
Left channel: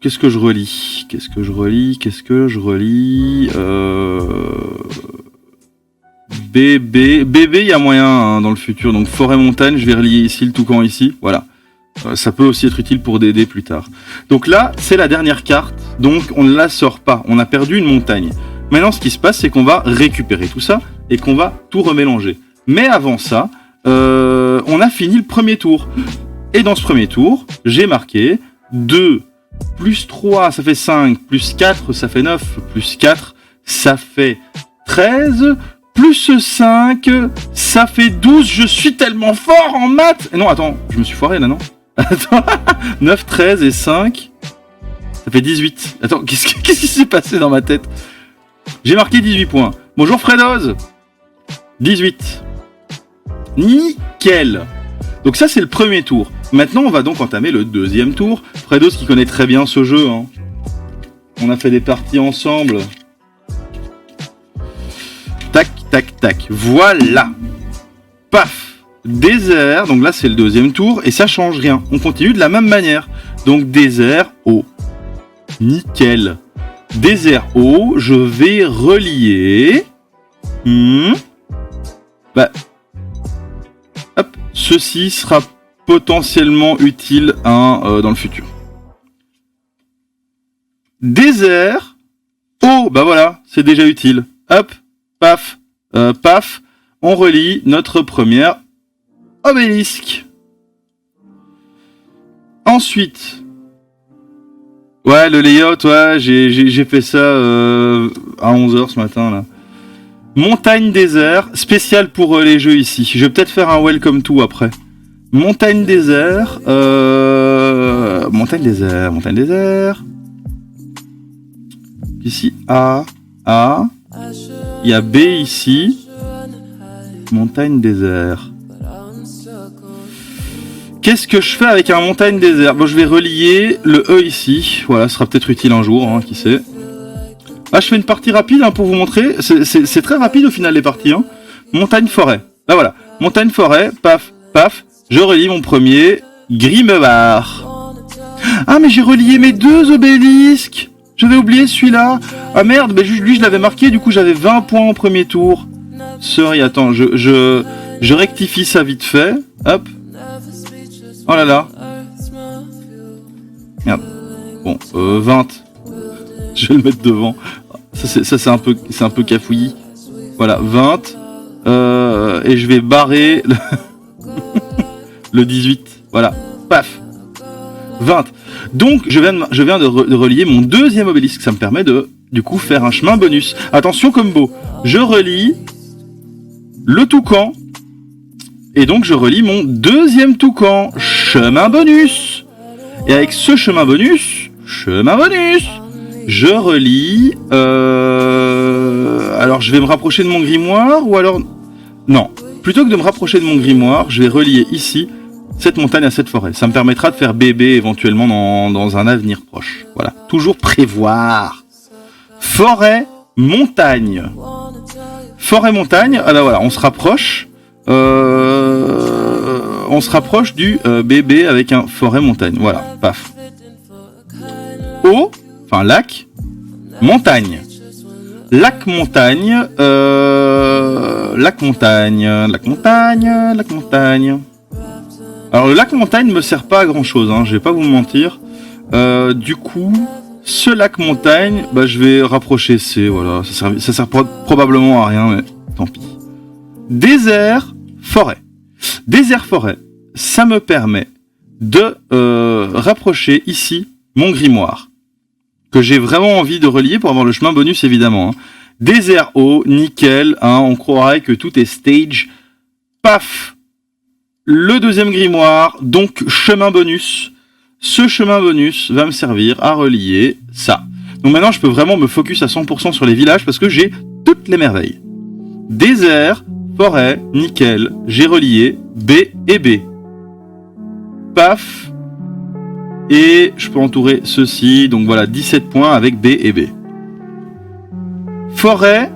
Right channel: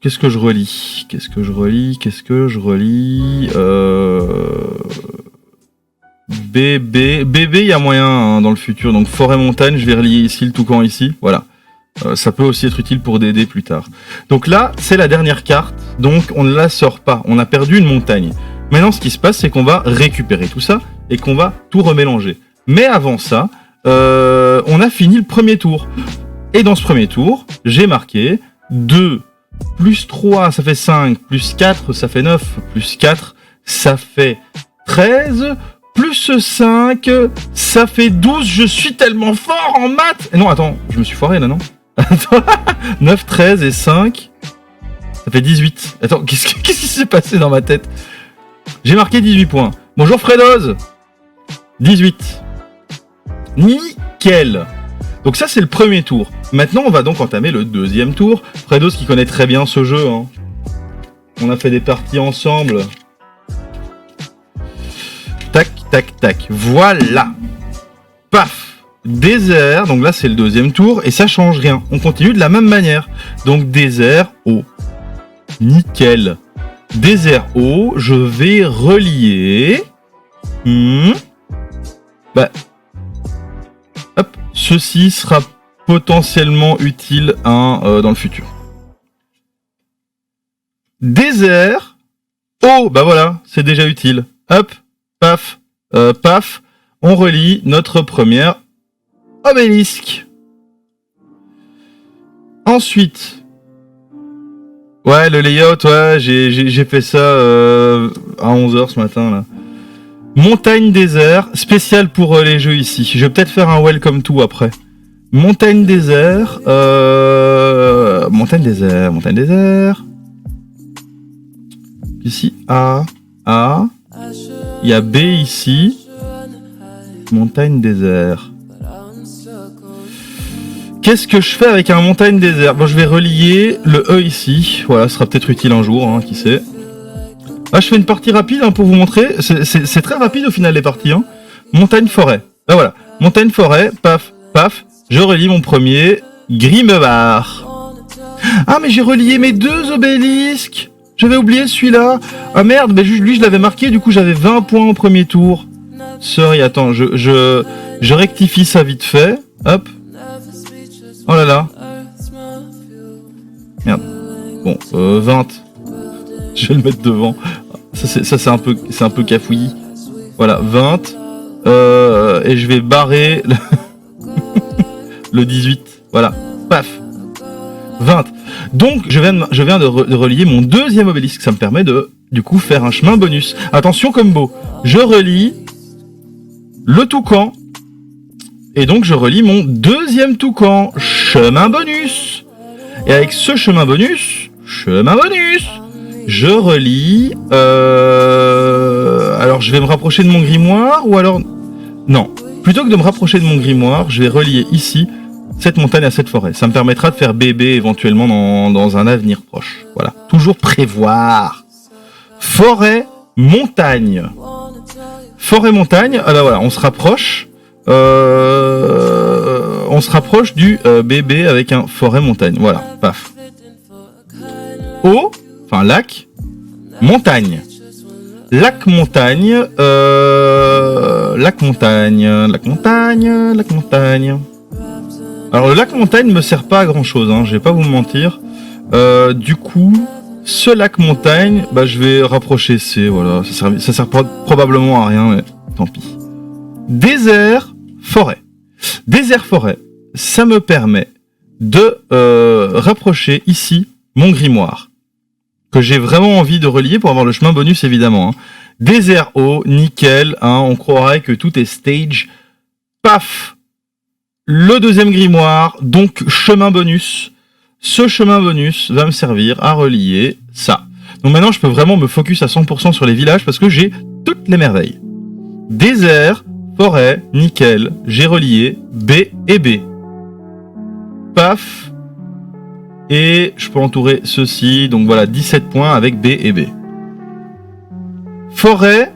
Qu'est-ce que je relis Bébé, il y a moyen hein, dans le futur. Donc forêt-montagne, je vais relier ici le toucan ici. Voilà. Ça peut aussi être utile pour DD plus tard. Donc là, c'est la dernière carte. Donc on ne la sort pas. On a perdu une montagne. Maintenant, ce qui se passe, c'est qu'on va récupérer tout ça et qu'on va tout remélanger. Mais avant ça, on a fini le premier tour. Et dans ce premier tour, j'ai marqué 2 plus 3, ça fait 5, plus 4, ça fait 9, plus 4, ça fait 13, plus 5, ça fait 12, je suis tellement fort en maths. Non, attends, je me suis foiré là, non? Attends, 9, 13 et 5, ça fait 18. Attends, qu'est-ce qui s'est passé dans ma tête? J'ai marqué 18 points. Bonjour Fredoz. 18. Nickel. Donc ça, c'est le premier tour. Maintenant, on va donc entamer le deuxième tour. Fredoz qui connaît très bien ce jeu. Hein. On a fait des parties ensemble. Tac, tac, tac. Voilà. Paf. Désert. Donc là, c'est le deuxième tour. Et ça change rien. On continue de la même manière. Donc désert, eau. Nickel. Désert, eau. Je vais relier. Bah... Hop, ceci sera potentiellement utile dans le futur. Désert, eau, bah voilà, c'est déjà utile. Hop, paf, paf, on relie notre première obélisque. Ensuite, ouais, le layout, ouais, j'ai fait ça à 11h ce matin là. Montagne désert, spécial pour les jeux ici. Je vais peut-être faire un welcome to après. Montagne désert, montagne désert. Ici A, il y a B ici. Montagne désert. Qu'est-ce que je fais avec un montagne désert? Bon, je vais relier le E ici. Voilà, ce sera peut-être utile un jour, hein, qui sait. Ah, je fais une partie rapide hein, pour vous montrer. C'est très rapide au final les parties. Hein. Montagne-forêt. Bah voilà. Montagne-forêt. Paf, paf. Je relie mon premier Grimebar. Ah, mais j'ai relié mes 2 obélisques. J'avais oublié celui-là. Ah merde, mais lui je l'avais marqué. Du coup, j'avais 20 points au premier tour. Sorry, attends. Je rectifie ça vite fait. Hop. Oh là là. Merde. Bon, 20. Je vais le mettre devant. Ça c'est un peu cafouillis. Voilà, 20. Et je vais barrer le 18. Voilà, paf. 20. Donc je viens de relier mon deuxième obélisque. Ça me permet de du coup faire un chemin bonus. Attention combo. Je relie le toucan. Et donc je relie mon deuxième toucan. Chemin bonus. Et avec ce chemin bonus, je relis... Alors, je vais me rapprocher de mon grimoire, ou alors... Non. Plutôt que de me rapprocher de mon grimoire, je vais relier ici cette montagne à cette forêt. Ça me permettra de faire bébé éventuellement dans un avenir proche. Voilà. Toujours prévoir. Forêt, montagne. Forêt, montagne. Ah bah voilà, on se rapproche. On se rapproche du bébé avec un forêt, montagne. Voilà, paf. Eau. Enfin, lac, montagne. Lac, montagne, lac, montagne. Alors, le lac, montagne me sert pas à grand chose, hein, je vais pas vous mentir. Du coup, ce lac, montagne, bah, je vais rapprocher C, voilà. Ça sert probablement à rien, mais tant pis. Désert, forêt. Désert, forêt, ça me permet de rapprocher ici mon grimoire. Que j'ai vraiment envie de relier pour avoir le chemin bonus évidemment. Hein. Désert eau, nickel, hein, on croirait que tout est stage paf, le deuxième grimoire, donc chemin bonus. Ce chemin bonus va me servir à relier ça. Donc maintenant, je peux vraiment me focus à 100% sur les villages parce que j'ai toutes les merveilles. Désert, forêt, nickel, j'ai relié B et B. Paf. Et je peux entourer ceci, donc voilà, 17 points avec B et B. Forêt,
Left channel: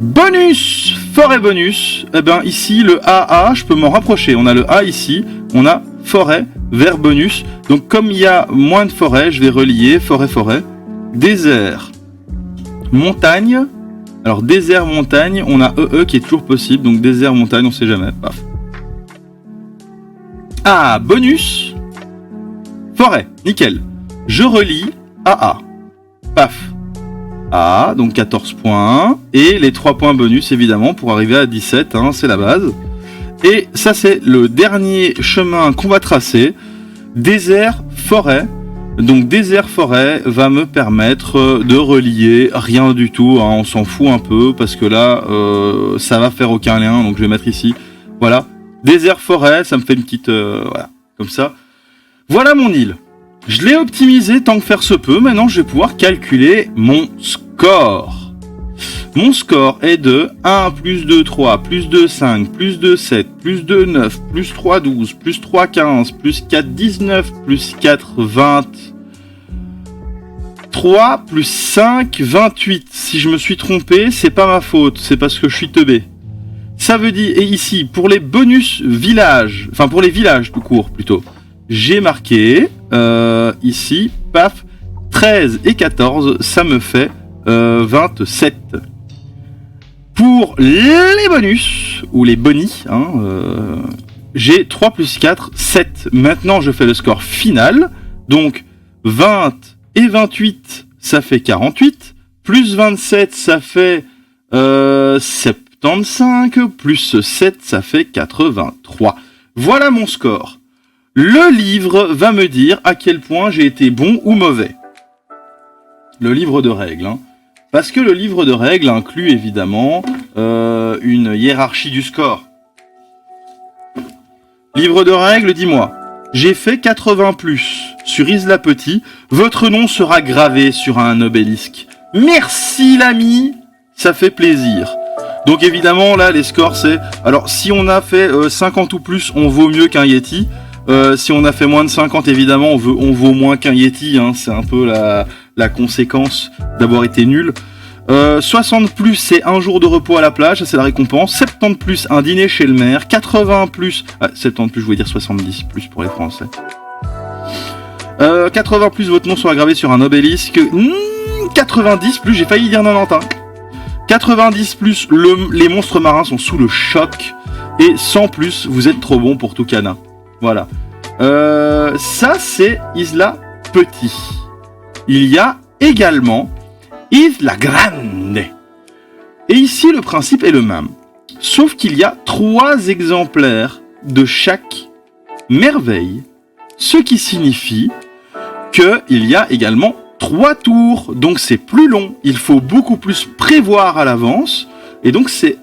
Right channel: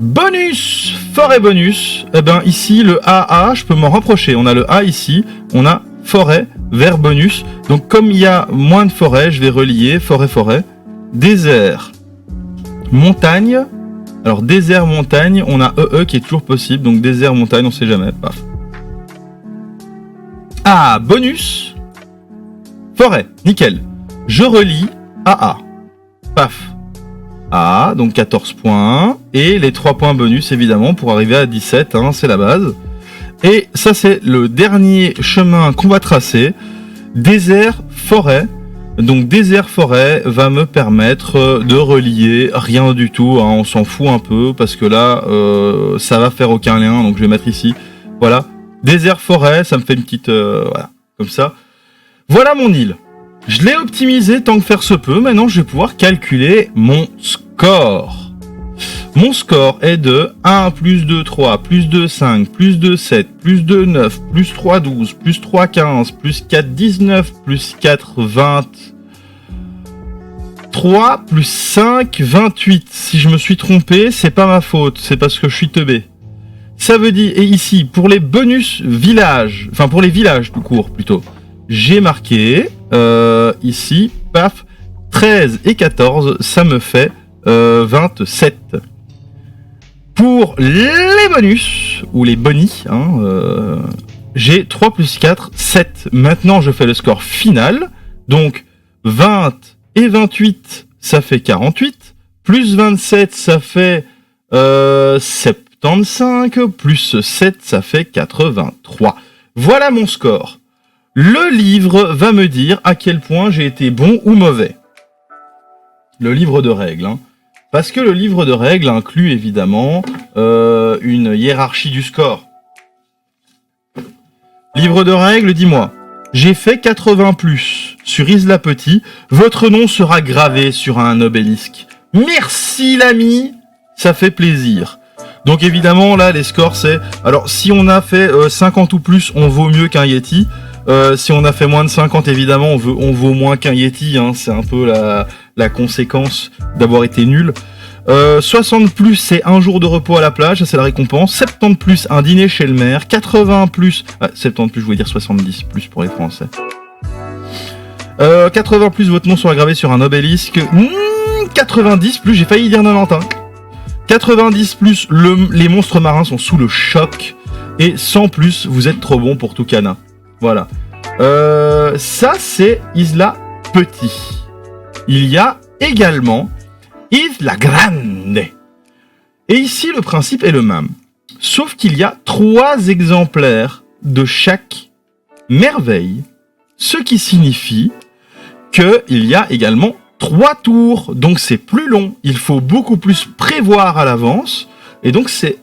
bonus, forêt bonus. Eh ben ici, le AA, je peux m'en rapprocher. On a le A ici, on a forêt, vert bonus. Donc comme il y a moins de forêt, je vais relier forêt, forêt. Désert, montagne. Alors désert, montagne, on a EE qui est toujours possible. Donc désert, montagne, on sait jamais. Paf. Ah, bonus. Forêt, nickel. Je relie AA. Paf. A, donc 14 points. Et les 3 points bonus, évidemment, pour arriver à 17, hein, c'est la base. Et ça, c'est le dernier chemin qu'on va tracer. Désert, forêt. Donc désert, forêt va me permettre de relier rien du tout. Hein, on s'en fout un peu, parce que là, ça va faire aucun lien. Donc je vais mettre ici. Voilà. Désert, forêt, ça me fait une petite... voilà, comme ça. Voilà mon île. Je l'ai optimisé tant que faire se peut. Maintenant, je vais pouvoir calculer mon score. Mon score est de 1 plus 2, 3, plus 2, 5, plus 2, 7, plus 2, 9, plus 3, 12, plus 3, 15, plus 4, 19, plus 4, 20, 3, plus 5, 28. Si je me suis trompé, c'est pas ma faute, c'est parce que je suis teubé. Ça veut dire, et ici, pour les bonus villages, enfin pour les villages tout court plutôt, j'ai marqué, ici, paf, 13 et 14, ça me fait 27. Pour les bonus, ou les bonis, hein, j'ai 3 plus 4, 7. Maintenant, je fais le score final. Donc, 20 et 28, ça fait 48. Plus 27, ça fait 75. Plus 7, ça fait 83. Voilà mon score. Le livre va me dire à quel point j'ai été bon ou mauvais. Le livre de règles. Hein. Parce que le livre de règles inclut évidemment une hiérarchie du score. Livre de règles, dis-moi. J'ai fait 80 plus sur Isla Petit. Votre nom sera gravé sur un obélisque. Merci l'ami, ça fait plaisir. Donc évidemment là les scores c'est... Alors si on a fait 50 ou plus, on vaut mieux qu'un Yeti. Si on a fait moins de 50, évidemment, on vaut moins qu'un Yeti. Hein, c'est un peu la conséquence d'avoir été nul. 60 plus, c'est un jour de repos à la plage, ça c'est la récompense. 70 plus, un dîner chez le maire. 80 plus... 70 plus, je voulais dire 70 plus pour les Français. 80 plus, votre nom sera gravé sur un obélisque. 90 plus, j'ai failli dire 90. 90 plus, les monstres marins sont sous le choc. Et 100 plus, vous êtes trop bon pour Tucana. Voilà. Ça, c'est Isla Petit. Il y a également Isla Grande. Et ici, le principe est le même. Sauf qu'il y a 3 exemplaires de chaque merveille. Ce qui signifie qu'il y a également 3 tours. Donc, c'est plus long. Il faut beaucoup plus prévoir à l'avance. Et donc, c'est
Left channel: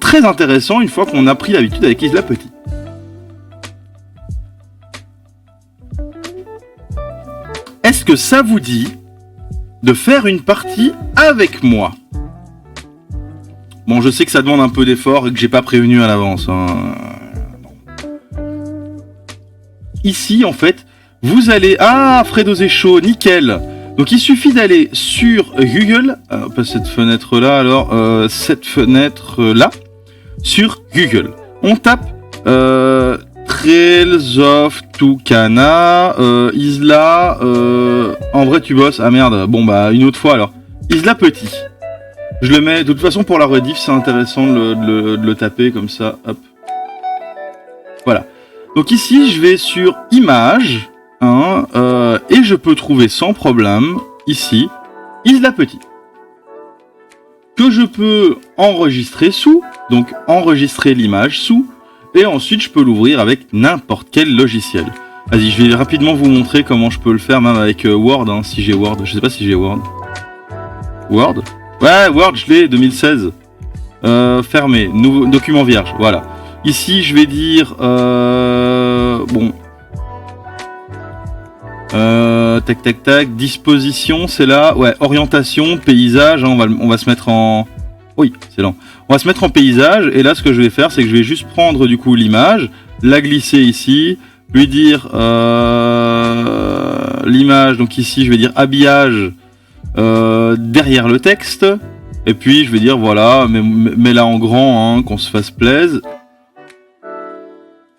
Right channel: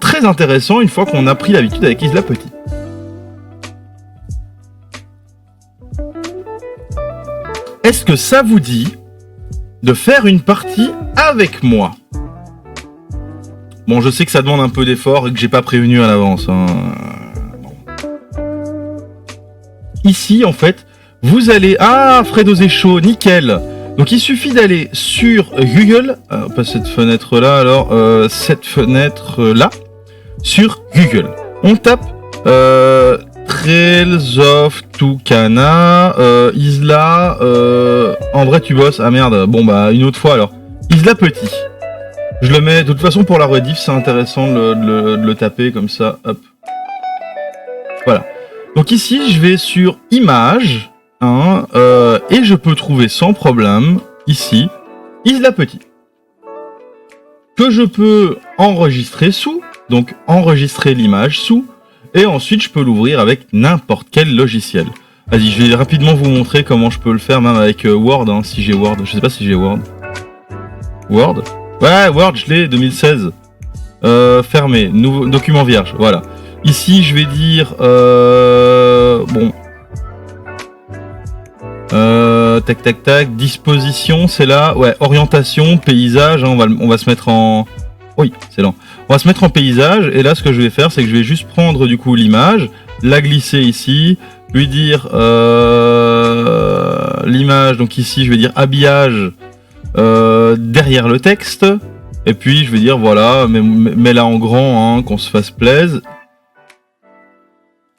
très intéressant une fois qu'on a pris l'habitude avec Isla Petit. Est-ce que ça vous dit de faire une partie avec moi? Bon, je sais que ça demande un peu d'effort et que j'ai pas prévenu à l'avance. Hein. Ici, en fait, vous allez... Ah, Fredo Zécho, nickel. Donc, il suffit d'aller sur Google, pas cette fenêtre-là, alors, cette fenêtre-là, sur Google. On tape... Trails of Tucana, Isla, en vrai tu bosses, ah merde, bon bah une autre fois alors, Isla Petit. Je le mets, de toute façon pour la rediff c'est intéressant de le taper comme ça, hop. Voilà. Donc ici je vais sur Images, hein, et je peux trouver sans problème, ici, Isla Petit. Que je peux enregistrer sous, donc enregistrer l'image sous, et ensuite, je peux l'ouvrir avec n'importe quel logiciel. Vas-y, je vais rapidement vous montrer comment je peux le faire, même avec Word, hein, si j'ai Word. Je sais pas si j'ai Word. Word ? Ouais, Word, je l'ai, 2016. Fermé, nouveau document vierge, voilà. Ici, je vais dire... bon... tac tac tac, disposition, c'est là. Ouais, orientation, paysage, hein, on va se mettre en... Oui, c'est lent. On va se mettre en paysage, et là, ce que je vais faire, c'est que je vais juste prendre, du coup, l'image, la glisser ici, lui dire... l'image, donc ici, je vais dire habillage derrière le texte, et puis, je vais dire, voilà, mets-la en grand, hein, qu'on se fasse plaisir.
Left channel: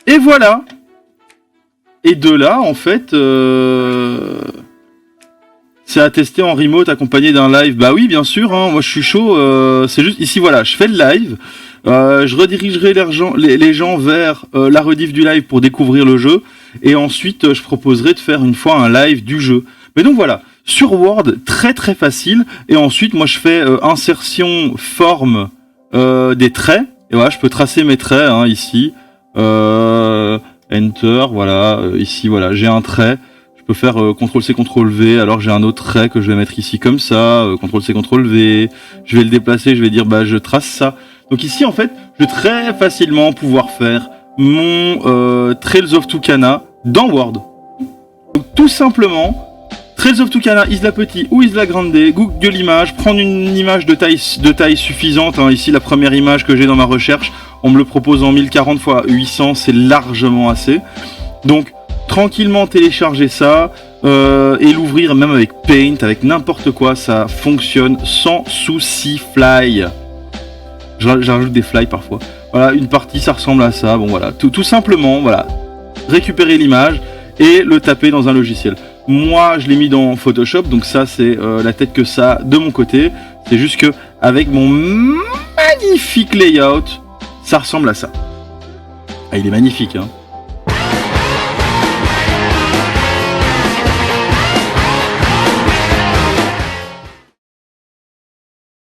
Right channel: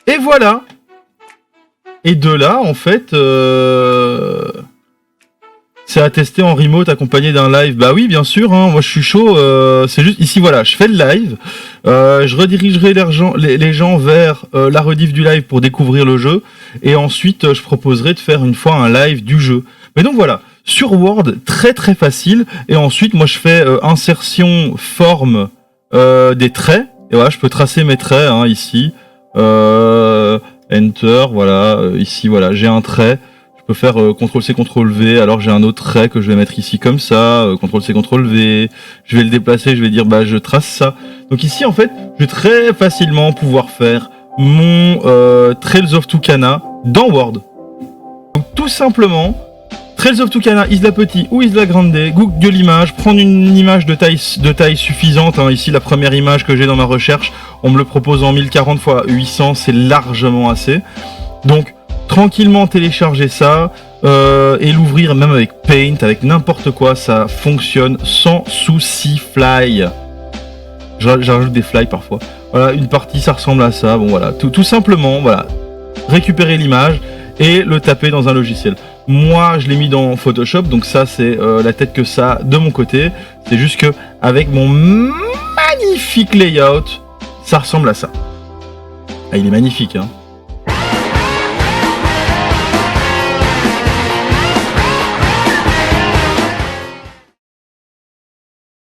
Et voilà. Et de là, en fait, c'est à tester en remote accompagné d'un live. Bah oui, bien sûr, hein, moi je suis chaud. C'est juste ici, voilà, je fais le live. Je redirigerai les gens vers la rediff du live pour découvrir le jeu. Et ensuite, je proposerai de faire une fois un live du jeu. Mais donc voilà, sur Word, très très facile. Et ensuite, moi je fais insertion, forme des traits. Et voilà, je peux tracer mes traits, hein, ici. Enter, voilà, ici, voilà, j'ai un trait, je peux faire CTRL-C, CTRL-V, alors j'ai un autre trait que je vais mettre ici comme ça, CTRL-C, CTRL-V, je vais le déplacer, je vais dire, bah, je trace ça. Donc ici, en fait, je vais très facilement pouvoir faire mon Trails of Tucana dans Word. Donc tout simplement, Trails of Tucana, Isla Petit ou Isla Grande, Google l'image, prendre une image de taille suffisante, hein, ici la première image que j'ai dans ma recherche, on me le propose en 1040 x 800, c'est largement assez. Donc, tranquillement télécharger ça et l'ouvrir même avec Paint, avec n'importe quoi, ça fonctionne sans souci. Fly. J'ajoute des fly parfois. Voilà, une partie, ça ressemble à ça. Bon, voilà, tout simplement, voilà, récupérer l'image et le taper dans un logiciel. Moi, je l'ai mis dans Photoshop, donc ça, c'est la tête que ça de mon côté. C'est juste que avec mon magnifique layout, ça ressemble à ça. Ah, il est magnifique, hein.